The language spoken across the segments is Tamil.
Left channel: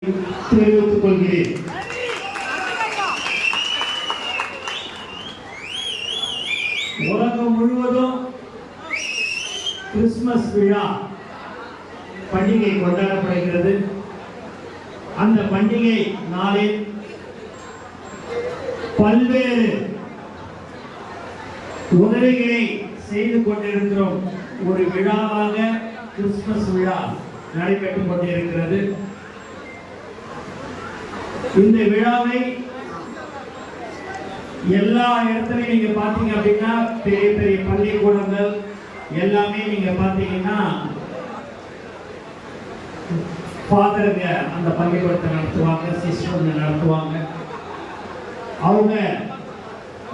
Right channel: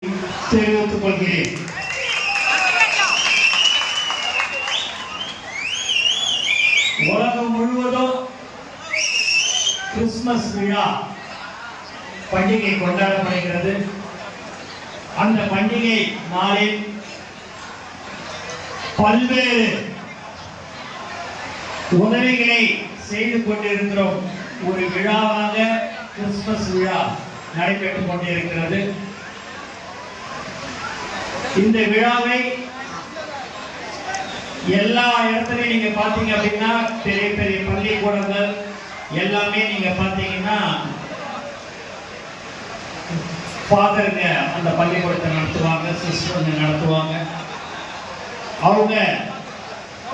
தெரிவித்துக் கொள்கிறேன். உலகம் முழுவதும் கிறிஸ்துமஸ் விழா பண்டிகை கொண்டாடப்படுகிறது. அந்த பண்டிகை நாளில் பல்வேறு உதவிகளை செய்து கொண்டிருக்கிறோம். ஒரு விழாவாக கிறிஸ்துமஸ் விழா நடைபெற்றுக் கொண்டிருக்கிறது. இந்த விழாவை எல்லா இடத்துலையும் நீங்க பாத்தீங்க அப்படின்னா பெரிய பெரிய பள்ளிக்கூடங்கள் எல்லாமே நீங்க பாத்தீங்கன்னா ஃபாதருங்க அந்த பள்ளிக்கூடத்தை நடத்துவாங்க சிஸ்டருங்க நடத்துவாங்க. அவங்க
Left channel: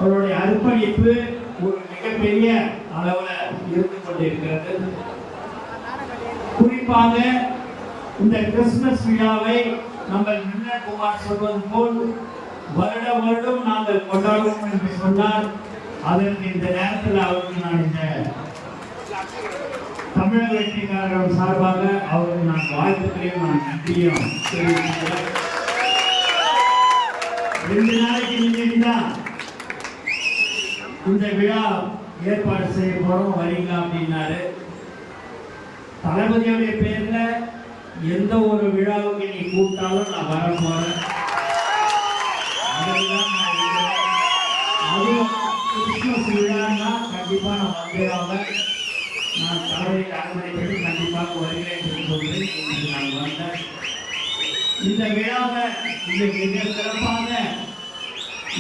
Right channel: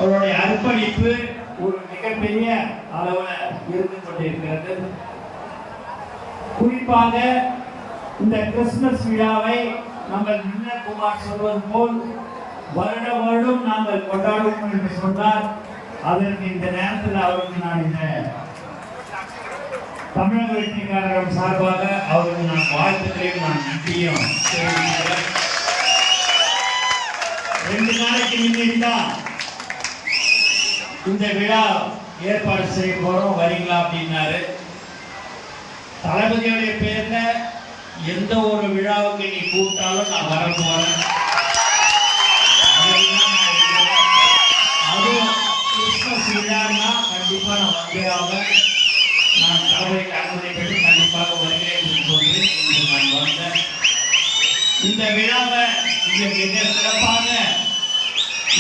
அவருடைய அர்ப்பணிப்பு ஒரு மிகப்பெரிய அளவில் இருந்து கொண்டிருக்கிறது. குறிப்பாக இந்த கிறிஸ்துமஸ் விழாவை நாங்கள் மின்னல் குமார் சொல்வது போல் வருட வருடம் நாங்கள் கொண்டாடுவோம் என்று சொன்னார். அதற்கு இந்த நேரத்தில் அவருக்கு நான் இந்த தமிழக வெற்றிக்காரர் சார்பாக அவருக்கு நான் வாழ்த்துக்களையும் நான் நன்றியும் ரெண்டு நாளைக்கு முன்னாடிதான் இந்த விழா ஏற்பாடு செய்ய போறோம். வரீங்களா அப்படின்னாரு. தளபதியுடைய எந்த ஒரு விழாவுக்கு நீ கூப்பிட்டாலும் நான் வர போறேன். அதெல்லாம் அதுவும் கிறிஸ்துமஸ் விழான்னா நான் வந்துடாம நான் தளபதிக்கு பெற்று கண்டிப்பாக வருகிறேன் என்று சொல்லி இன்று நான் வந்தேன். இந்த விழாவை இங்க மிக சிறப்பாக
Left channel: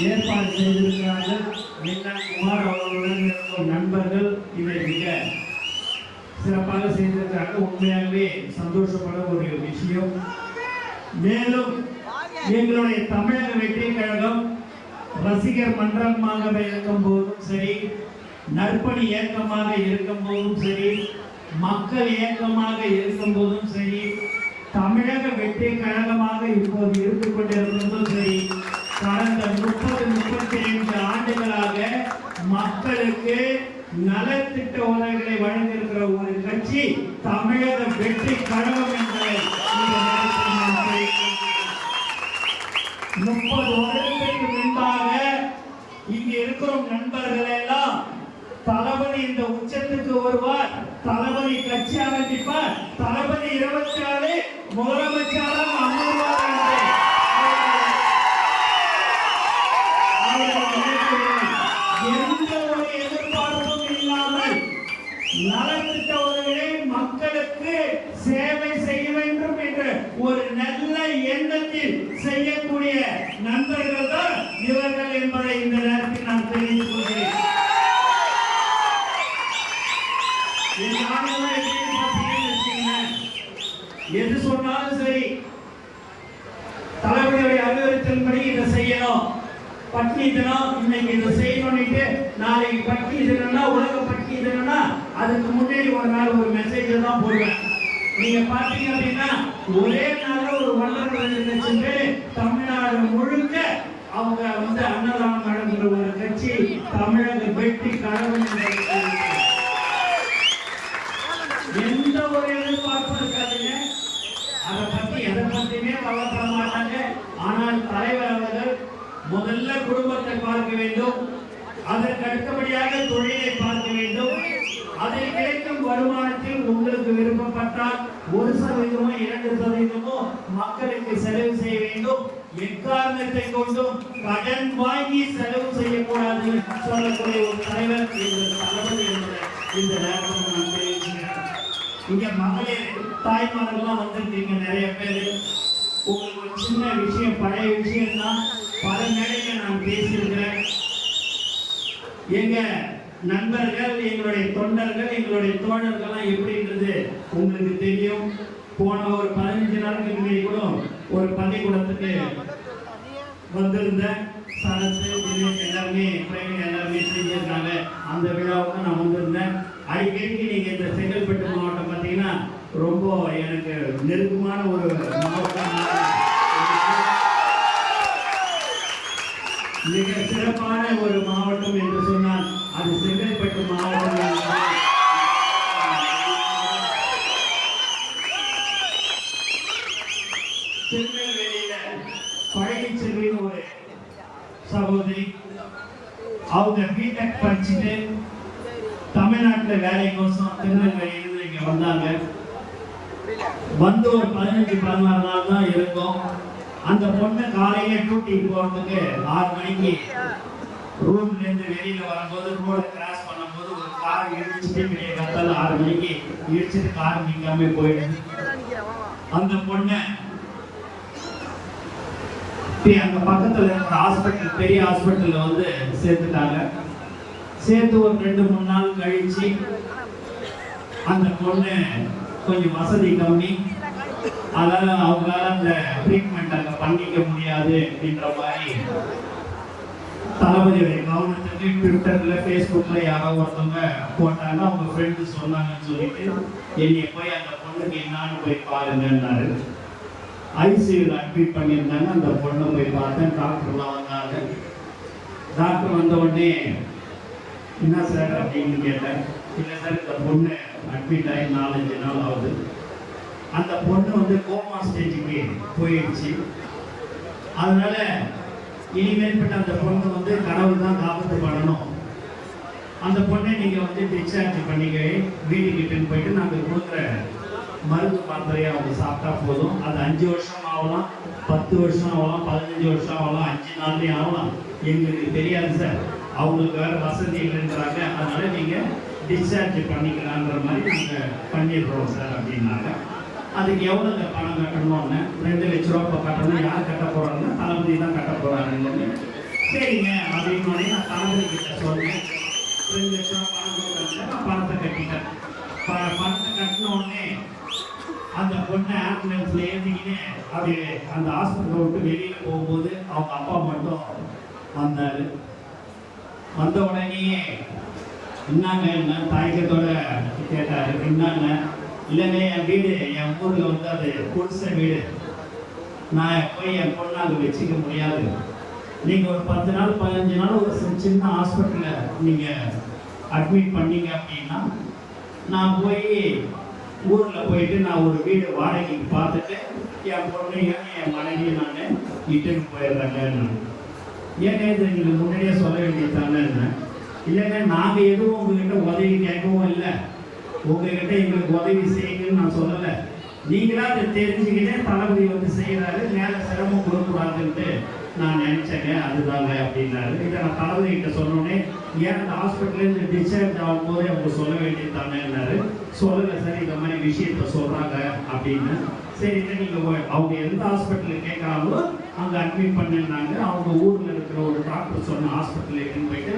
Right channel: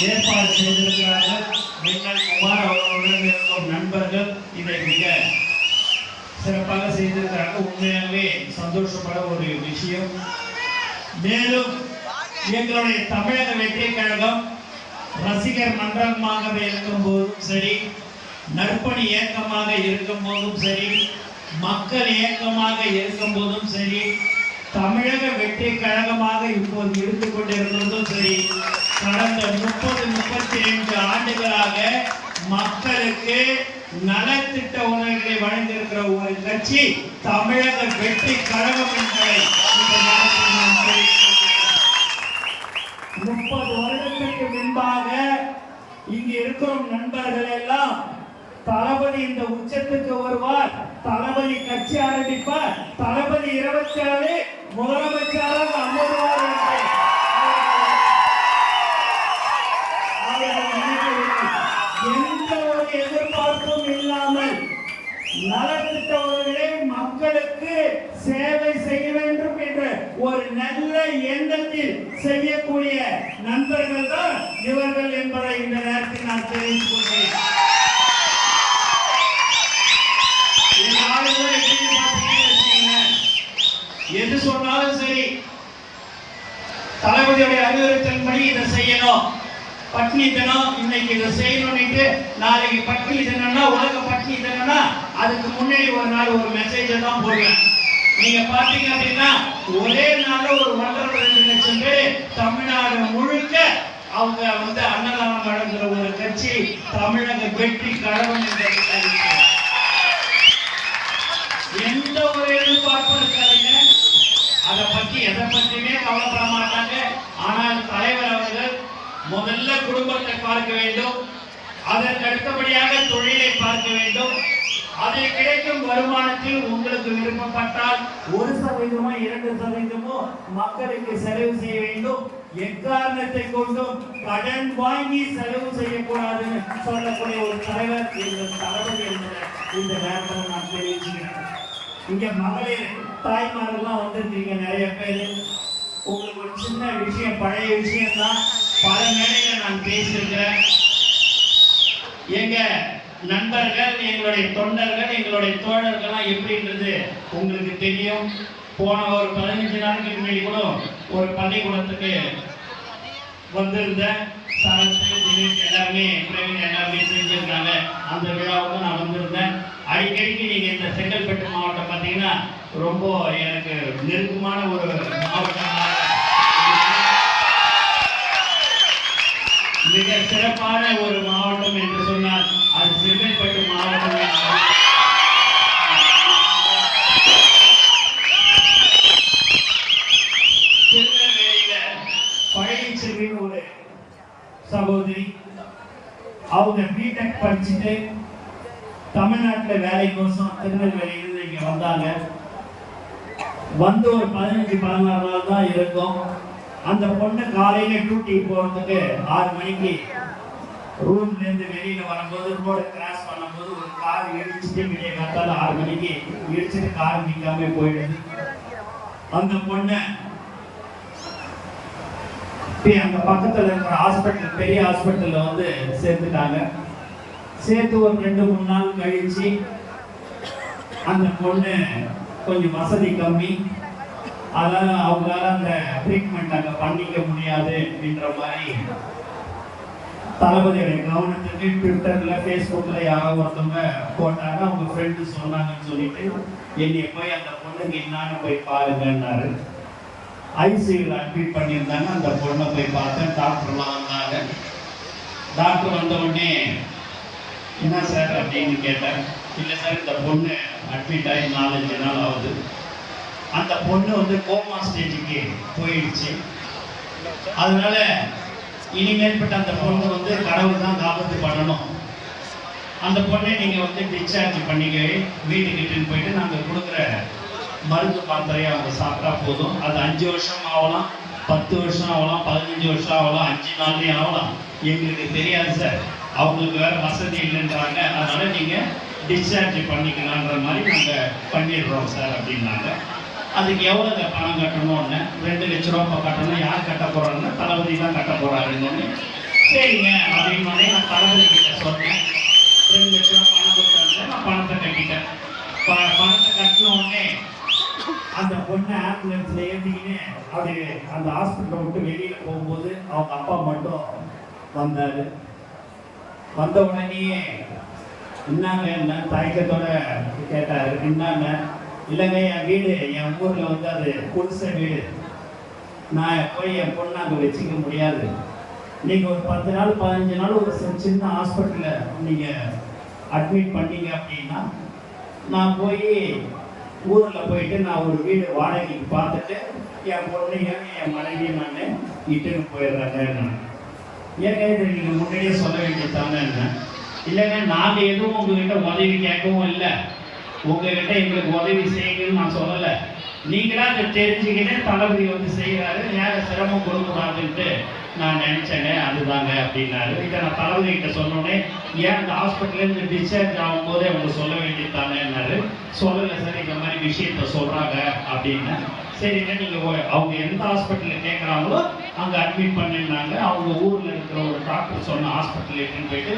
ஏற்பாடு செய்திருக்கிறார்கள். நீங்கள் குமார் அவர்களுடன் இருக்கும் நண்பர்கள் இதை மிக சிறப்பாக செய்திருக்கிறாங்க உண்மையாகவே சந்தோஷப்பட ஒரு விஷயம். மேலும் எங்களுடைய தமிழக வெற்றி கழகம் ரசிகர் மன்றமாக இருக்கும் போதும் சரி நற்பணி இயக்கமாக இருக்கும் போதும் சரி மக்கள் இயக்கமாக இருக்கும் போதும் சரி தமிழக வெற்றி கழகமாக இப்போது இருந்து கொண்டிருப்பதும் சரி கடந்த முப்பது முப்பத்தி ரெண்டு ஆண்டுகளாக மக்களுக்கு நலத்திட்ட உணவுகளை வழங்கியிருக்கிற ஒரு கட்சி தமிழக வெற்றி கழகம் என்பதை இந்த நேரத்தில் நான் தெரிவித்துக் முப்பது வருடத்திற்கு முன்பாக இங்கு இருக்கும் நண்பர்கள் எல்லாம் தளபதி இந்த உச்சத்துக்கு வருவார் தளபதி கட்சி ஆரம்பிப்பார் தளபதி இருபத்தி ஆறு முதலமைச்சராக அமர்வார் என்று அவர்கள் நினைக்கிறார்கள். எந்த ஒரு எதிர்பார்ப்பும் இல்லாமல் நலத்திட்ட உதவிகளை மக்களுக்கு சேவை செய்ய வேண்டும் என்ற ஒரு நல்ல எண்ணத்தில் செய்யக்கூடிய நண்பர்கள் தான் இவர்கள் என்பதை இந்த நேரத்தில் நான் தெரிவித்துக் கொள்கிறேன் என் ஆளுநர் எப்படி பார்த்தீங்கன்னு வச்சுக்கோங்களேன், எது சொன்னாலும் சரி. தளபதியுடைய அறிவுறுத்தல்படி இதை செய்யணும். பட்னி தினம் இன்னைக்கு இதை செய்யணும்னுட்டு நாளைக்கு பட்னி தினம்னா உலக பட்னி தினம்னா அதுக்கு முன்னாடி ஒரு நாள் ஒரு மெசேஜை தான் போடுவேன். நீங்க பாத்தீங்க அப்படின்னா ஒரே நாள்ல ஒரு ஒன்றரை ரெண்டு லட்சம் பேர் தமிழ்நாடு முழுக்க அவங்க வந்து அன்னதானம் வழங்குற ஒரு கட்சி தமிழக வெற்றி கழகம் என்ற எந்த ஒரு எதிர்பார்ப்பும் இருக்காதுங்க அதை பத்தி எதை பத்தியுமே கவலைப்பட மாட்டாங்க ஆனால் தலைவர் அவர்கள் முதல்ல குடும்பத்தை பார்க்க வேண்டும். அதற்கு அடுத்தபடியாக தொழிலை பார்க்க வேண்டும். அதில் கிடைக்கும் வருமானத்தில் உங்களுக்கு விருப்பப்பட்டால் ஒரு சதவீதமோ இரண்டு சதவீதமோ மக்களுக்கு செலவு செய்ய வேண்டும். எக்காரணத்தை கொண்டும் கடன் வாங்கி செலவு செய்யக்கூடாதுன்னு சொல்லக்கூடிய ஒரு தலைவர் எங்கள் தலைவர் என்ற இந்த நேரத்தில் நான் தெரிவிச்சுக்கிறேன். இங்க மகளிர் தாய்மார்கள்லாம் வந்திருக்கீங்க நிறைய பேர். உங்களுக்கு ஒரு சின்ன விஷயம் பழைய விஷயம் தான் பல மேடையில நான் பேசியிருக்கிறேன். எங்க நண்பர்கள் எங்களுடைய தொண்டர்கள் எங்களுடைய தோழர்கள்லாம் எப்படின்றது உங்களுக்கு தெரியும். போன ஒரு பதினஞ்சு நாளுக்கு முன்னாடி கூட ஒரு பள்ளிக்கூடத்துக்கு வந்திருந்தேன். சரத்து தினேஷ் எல்லாருமே பிரவீன் எல்லாருமே செஞ்சிருக்காங்க அந்த விழாவுக்கு நான் வந்திருந்தேன். அடிக்கடிக்கு நீங்க இந்த செங்கல்பட்டு மாவட்டம் பார்த்தீங்கன்னா ரொம்ப எனக்கு நெருக்கமான ஒரு மாவட்டம் மிக சிறப்பான ஒரு மாவட்டம் என்று சொன்னால் அது செங்கல்பட்டு மாவட்டம் என்று செல் திருநெல்வேலியில பழனிச்செல்வின்னு ஒரு சகோதரி அவங்க பிடெக் படிச்சுட்டு தமிழ்நாட்டுல வேலைக்கோசம் திருநெல்வேலியிலிருந்து இங்கே வந்தாங்க. வந்து ஒரு பதினஞ்சு பதினாறு நாள் தான் இருக்கும். அந்த பொண்ணு காலையில டியூட்டிக்கு போறதுக்கு ஆறு மணிக்கு ரூம்ல இருந்து வெளியில வரும்போது ரோட கிராஸ் பண்ணும்போது ஒரு கார் இடிச்சுட்டு வெளியே வந்தாலும் ஆறு மணிக்கு இடிச்சுட்டு கார் நிற்காம போயிடுது. அந்த பொண்ணு அங்கே பக்கத்துல இருக்கிற ஹாஸ்பிட்டல் பெரிய ஹாஸ்பிட்டல்ல வந்து சேர்த்துட்டாங்க. சேர்த்து ஒரு ரெண்டு மூணு நாள் கழிச்சு அந்த பொண்ணு கொஞ்சம் வசதி கம்மி. அதனால அவங்களால அந்த ட்ரீட்மெண்ட் அங்க பண்ணிக்க முடியாது அப்படின்ற மாதிரி தளபதியுடைய கவனத்துக்கு ட்விட்டர்ல ஃபேஸ்புக்ல யாரோ ஒருத்தவங்க போட்டாங்க. அவங்க ஃப்ரெண்டு சொன்னாங்கன்னு சொல்லிட்டு என்னைய போய் அந்த பொண்ணுக்கு என்னான்னு போய் பாருங்கன்னாரு. ஐசியில் அட்மிட் பண்ணியிருந்தாங்க. அந்த பொண்ணை போய் பார்த்தேன். டாக்டர்லாம் வந்தாங்க. டாக்டர் வந்த உடனே என்ன சார் அப்படின்னு கேட்டேன். இல்லை சார் இந்த பொண்ணு அட்மிட் ஆகி நாலஞ்சு நாள் ஆகுது. அந்த பொண்ணு வந்து கோமா ஸ்டேஜுக்கு போயிடுச்சு. அதனால இனிமேற்பட்ட அந்த பொண்ணு வந்து கடவுள் தான் காப்பத்து பண்ணணும். அந்த பொண்ணை நீங்கள் வந்து டிஸ்சார்ஜ் பண்ணிக்க வீட்டுக்கிட்டுன்னு போயிட்டு நாங்கள் கொடுக்குற மருந்து மாத்திரையை அவங்க சாப்பிட்டா போதும். அது அஞ்சு வருஷம் ஆகலாம் பத்து வருஷம் ஆகலாம் பதினஞ்சு வருஷம் ஆகலாம் அஞ்சு நாள்லேயும் ஆகலாம். எங்களுக்கு தெரியாது சார். அவங்களுக்கு வேற வசதி இல்லைன்றாங்க. அதனால் நீங்கள் டிஸ்சார்ஜ் பண்ணிக்கலான்ற மாதிரி நாங்கள் பண்ணிடுறோம் சார் அப்படின்னாங்க. அதுக்கு எவ்வளவு பணம் கட்டணும்னு ரெண்டு லட்ச ரூபா இப்போ கட்டணும். யார் கட்ட போறாருன்னு தளபதி தான் கட்ட போகிறாருன்னு சரிங்க அப்படின்னு மாதிரி நான் தளபதி கிட்ட சொன்னேன். ரெண்டு லட்ச ரூபா பணம் கொடுத்தாங்க நான் பணத்தை கட்டிட்டேன். ப- பணத்தை கட்டின உடனே அந்த பொண்ணை ஆம்புலன்ஸ் ஏற்றிக்கின்னு அது அந்த ஹாஸ்பிட்டல் விட்டு வெளியில போகும்போது அவங்க அப்பா மட்டும் வந்தார். வந்த உடனேயே என்னங்க என்ன தயக்கத்தோட கேட்டாரு. என்னங்க இல்லைங்க என் வீடு என் ஊரில் வந்து அது புதுச வீடு. நான் போய் என் பொண்ணு அங்கே வச்சுக்க முடியாது. நீங்கள் ஒரு பத்து நாள் பதினஞ்சு நாள் ஒரு சின்ன ஹாஸ்பிட்டலில் நீங்கள் அட்மிட் பண்ணீங்க அப்படின்னா நான் போய் ஊரில் போயிட்டு நான் ஒரு வீடு வாடகைக்கு பார்த்துட்டு என் பொண்ணையும் என் மனைவியும் நான் இட்டுன்னு போயிடுறேன் ஏன் இது முன்னாடியே சொல்ல வேண்டியதானே என்ன? இல்லைங்க நாங்கள் எதுவும் உங்ககிட்ட உதவி கேட்கவும் இல்லை. உங்ககிட்ட எங்களுக்கு உதவி செய்யணும்னு நான் சொல்லலை. நீங்களாக அதை தெரிஞ்சுக்கிட்டே தளபதி வந்து செய்கிறாரு யார சிரமம் கொடுக்கூடாதுன்ட்டு நான் நினைச்சேங்க அதுதாங்க அப்படின்னாரு. இதை நான் தளபதி கிட்ட சொன்னோடனே ஏன் அந்த ஹாஸ்பிட்டலேருந்து டிஸ்சார்ஜ் ஆகும்போதே அவங்க சொல்ல வேண்டியதானேன்னாரு சொல்லலை சார் இந்த மாதிரி விஷயத்த சொல்கிறாங்க அப்படின்னு. சரிங்க நீங்கள் அவங்க எந்த ஹாஸ்பிட்டலில் கேட்குறாங்களோ அங்கே அட்மிட் பண்ணிருந்தாங்க. அவங்க ஊரில் இருக்கிற ஒரு டாக்டர் சொன்ன ஹாஸ்பிட்டல் எடுத்துன்னு போயிட்டு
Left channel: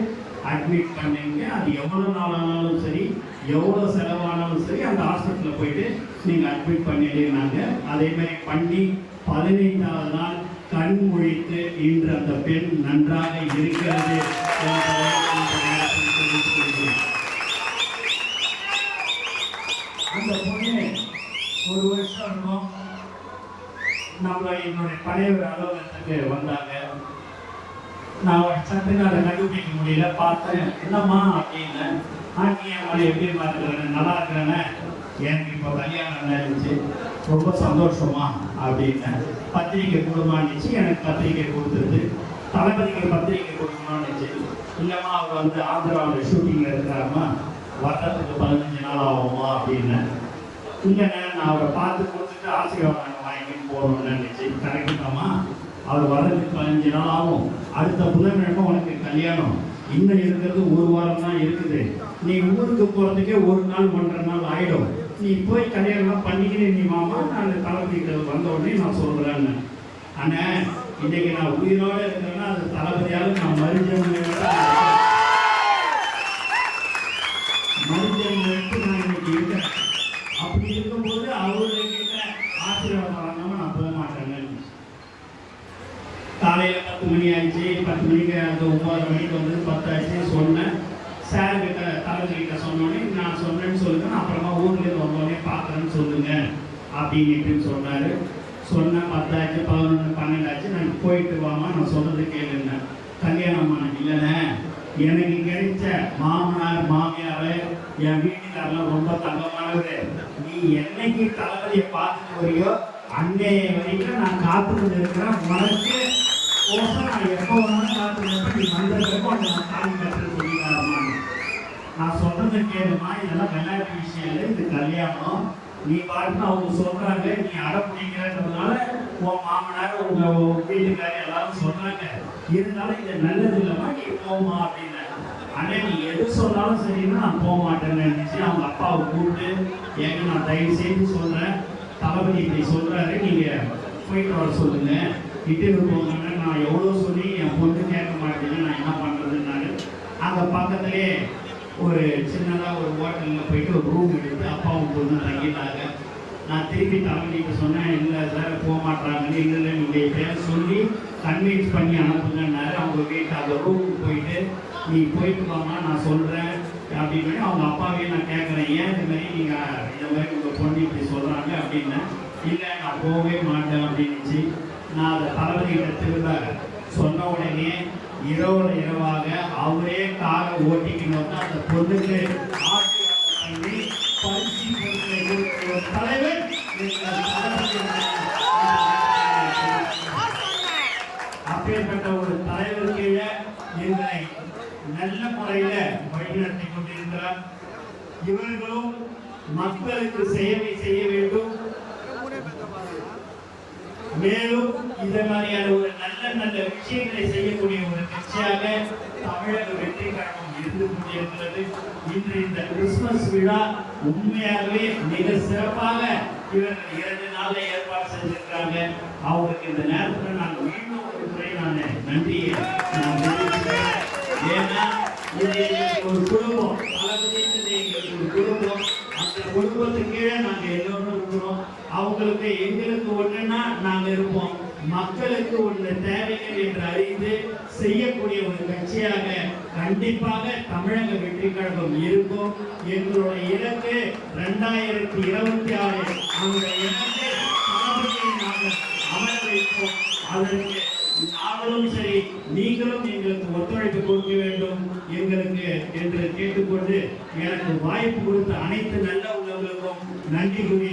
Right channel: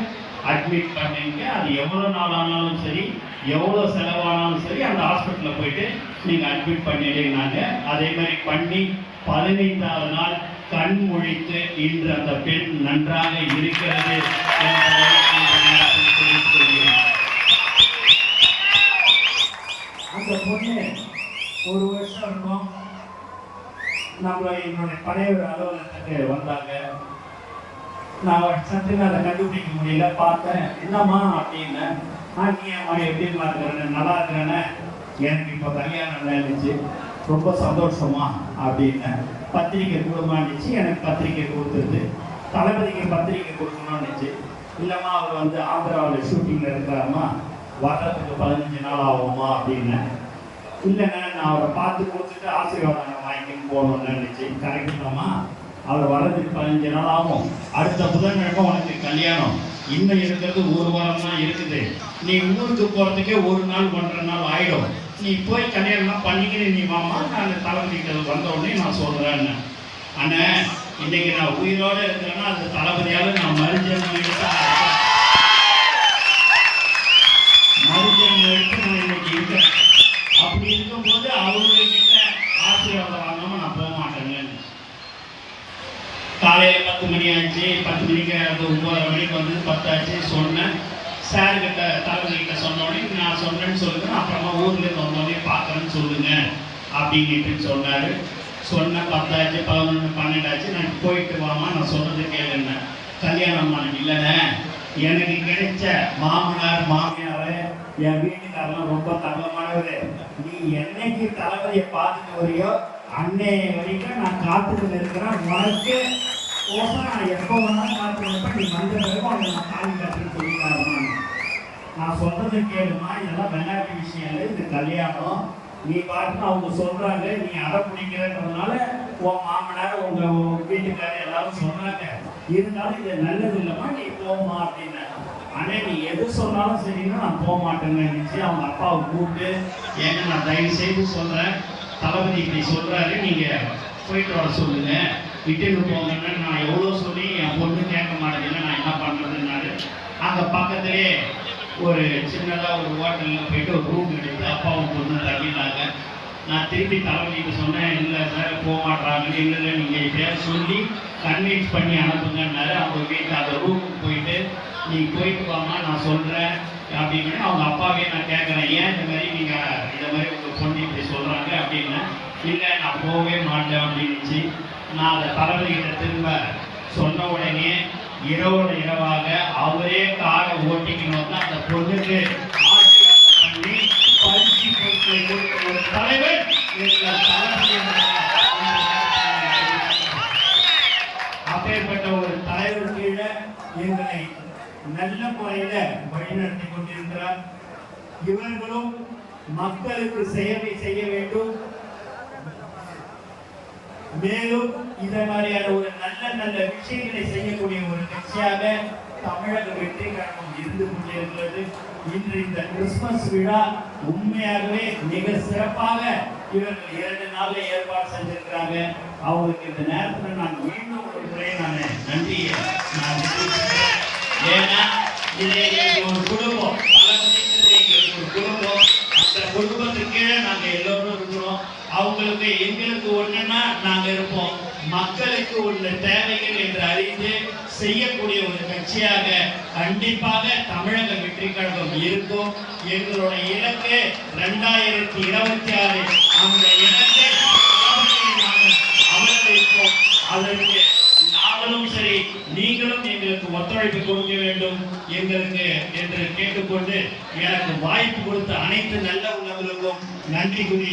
அட்மிட் பண்ணிங்க அது எவ்வளோ நாள் ஆனாலும் சரி எவ்வளோ செலவானாலும் சரி அந்த ஹாஸ்பிட்டலில் போயிட்டு நீங்கள் அட்மிட் பண்ணிட்டீங்கன்னாங்க. அதே மாதிரி பண்ணி பதினைந்தாவது நாள் கண் முழித்து இன்று அந்த பெண் நன்றாக இருக்கிறது அந்த பொண்ணு ஒரு வருஷம் இருக்கும். நம்ம என்னுடைய பழைய ஒரு அலுவலகத்துக்கு வந்தாங்க. நான் சத்துக்கு அதை கண்டுபிடிக்க முடியல. பார்த்தேன் என்னம்மா அப்படின்னு. நான் நீ அம்மா எப்படி பார்த்துக்கிறேன் நல்லா இருக்கிறேன்னு. எனக்கு இப்போ கல்யாணம் இருந்துச்சு ரொம்ப சந்தோஷமா அப்படின்னு. பத்திரிக்கை போடுமான்னுச்சு எனக்கு பத்திரிக்கை கொடுத்துருது. தளபதிக்கு பத்திரிக்கை கொடுக்கணும்னுச்சு. இல்லைம்மா அவர் வந்து ஆந்திராவில் ஷூட்டிங்கில் இருக்கிறாம்மா வர்றதுக்கு பதினஞ்சு நாள் ஆகுமா அப்படின்னு. இல்லைங்க நான் அவரை பார்த்து கொடுத்துட்டு ஆசீர்வாதம் வாங்கிட்டு போகணும்னு நினைச்சு கரெக்டுதாம்மா அவர் வர்றதுக்கு பதினஞ்சு நாள் ஆகும். அடுத்த புதன்கிழமை உனக்கு கல்யாணம். இன்னும் இருக்கிறது ஒரு வாரமாக இருக்குது. நீ ஊருக்கு போகிறதுக்கே ஒரு நாள் ஒன்றரை நாள் ஆகிடும் நீ போய் கல்யாணம்லாம் பண்ணிக்கிட்டு நீ மாமா நான் தளபதிகள் வந்த உடனே நான் சொல்கிறேன்னு அண்ணன் இன்னைக்கு நான் உயிரோடு இருக்கிறேன்னா அது தளபதியால் நான் மறு எடுத்து மறுஜன்மம் எடுத்து நான் இன்னைக்கு இருக்கிறேன் அப்படி இருக்கும்போது அவர்கிட்ட ஆசீர்வாதம் வாங்காம நான் போக மாட்டேங்க காலையில பத்து மணி ஆச்சு பத்து மணிக்கு அந்த ஒன்பது மணிக்கு வந்து பத்தாச்சு சொன்னேன் சார் கிட்ட தலைவர் கிட்ட சொன்னோடனே நான் சொன்னேன்னு சொல்லுங்க அப்புறமா ஊர்ல இருந்து வந்தோடனே பார்க்கறேன்னு சொல்லுங்க அப்படின்ட்டு சொன்னாரு சொன்ன பத்தாச்சு பதினொன்று பன்னெண்டாச்சு நான் போயிட்டு வாமா நான் சொன்னது கேளுங்க கல்யாணம் பண்ண இல்லைண்ணே எனக்கு கிடைச்ச மாமனார் மாமியார் என் வீட்டுக்காரெல்லாம் ரொம்ப தங்கமானது நீ என்னைக்கு தளபதியை பார்த்துட்டு வரியோ அன்னை வரைக்கும் நான் காத்துட்டு இருக்கிறேன். உனக்கு கோசம் நான் எப்போ வேணாலும் காத்துட்டு நீ வந்ததுக்கு அவங்க நான் தாலி கட்டுறது சொல்லிடுறாரு நான் சொல்றதை கேளுமா? இதெல்லாம் விளையாட்டு விஷயம் இல்லை. இது கல்யாணம். நீ பாட்டுன்னு அவங்க சொல்றாங்க. நீ அடை பிடிக்கிறதுனால உன் மாமனார் உங்க வீட்டுக்காரர் எல்லாரும் சொன்னாங்க இருந்தாலும் இது நல்லது இல்லைம்மா நீ போமா அப்படின்னு அண்ணே நீ எது சொன்னாலும் சரின்னா நான் போக மாட்டேன்னு நினைச்சு அவங்க அப்பாவை கூப்பிட்டு ஏங்க நான் தயவு செய்து சொல்றேன். தளபதி இப்படி சொல்றாரு. நீங்க போயிட்டு வர சொல்லுங்க. விட்டுட்டு போங்கன்னு நான் எவ்வளோ சொல்லி என் பொண்ணு கேட்க மாட்டேங்குது. நான் என்ன பண்ணுறதுன்னாரு அங்க பக்கத்திலே ஒரு சின்னதாக ஒரு ஹோட்டலில் போயிட்டு ஒரு ரூம் எடுத்து அப்பாவும் பொண்ணு தங்கினாங்க நான் திருப்பி தளபதிக்கு சொன்னேன் இல்லை சார் போக மாட்டாங்கன்னு இல்லை நீங்கள் இதை சொல்லி கன்வின்ஸ் பண்ணி அனுப்புங்கன்னாரு. அவங்க வீட்டு அந்த ரூமுக்கு போயிட்டு நீ போயிட்டு வாமா நான் சொல்கிறேன் அப்படின்னு அவங்க அப்பாவே நான் கேட்குறேன் ஏன் இந்த மாதிரி நீங்கள் இந்த மாதிரி உங்கள் பொண்ணு இப்படி சொல்கிறாங்க அப்படின்னு. இல்லை நான் போகவே மாட்டேன் அப்படின்னுச்சு. நான் அதை தளபதிகிட்ட திரும்ப சொன்ன உடனே இரவோட இரவாக அவரே காரை ஓட்டிக்கும் போது அந்த பொண்ணுக்கு ஒரு தலைவர் கீழே நல்ல முறையில வழிநடத்தி கொண்டிருக்கிறார். இவர்களும் மக்களுக்கு சேவை செய்ய வேண்டும். மேலும் இந்த மாதிரியான ஒரு நல்ல நல்ல விஷயங்களை செய்யக்கூடிய ஒரு கட்சியாக தமிழக வெற்றி கழகம் இருந்து கொண்டிருக்கிறது. இன்று இந்த கிறிஸ்துமஸ் விழா உண்மையாகவே மிக சிறப்பாக இவர்கள் இரண்டு நாளில் ஏற்பாடு செஞ்சிருக்கிறாங்க. அவங்களுக்கு இந்த நேரத்தில் நான் மீண்டும் ஒரு முறையை நான் நன்றியை நான் தெரிவிச்சுக்கிறேன் ஏன்னா இது ஒரு குடும்பம். பல எங்களுக்கு ஒரு குடும்பம். அந்த குடும்பத்துக்கு கீழே நாங்க எல்லாரும் இருக்கிறோம். அவங்களுக்கு எங்களுக்கு ஒன்றுன்னா நாங்கள் இருப்போம். மக்களுக்கு உள்ள தேவைகள் என்று அறிந்து செய்யக்கூடிய ஒரு கட்சியாக கண்டிப்பாக தமிழக வெற்றி கழகம் இருக்கும். எங்களுடைய இலக்கு ரெண்டாயிரத்தி இருபத்தி ஆறு. அந்த இலக்கை சாதனையை அதற்கு நாங்களும் சரி நீங்களும் எங்களுக்கு ஒத்துழைப்பு கொடுக்க வேண்டும் எங்களுக்கு என்று கேட்டுக்கொண்டு எனக்கு வாய்ப்பு கொடுத்த அனைத்து நல்ல உள்ளங்களுக்கும் நன்றி கூறி